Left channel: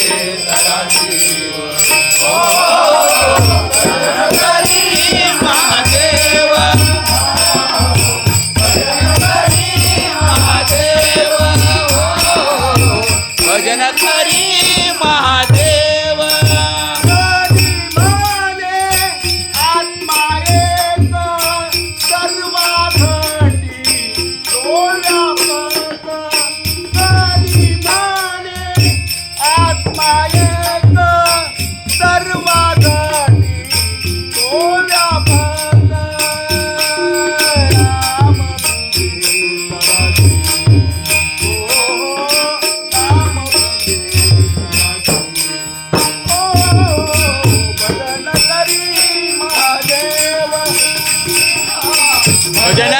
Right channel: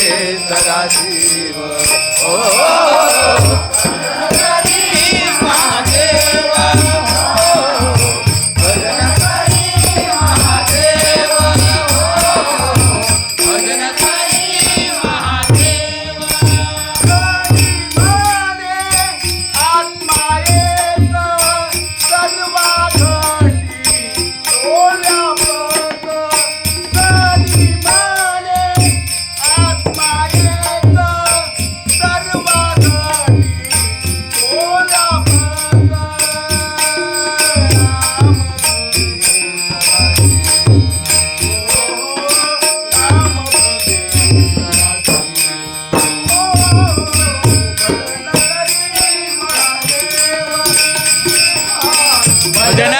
सदाशिव ओ भजन करी महादेव भजन करी महादेव भजन करी महादेव आत्मा एक सर्वा घटी डोळ्या पट करी माने आत्मा एक सर्वा घटी डोळ्या पट राम पुढे सदाशिव ओ राम पुढे सदाशिव भजन करी महादेव भजन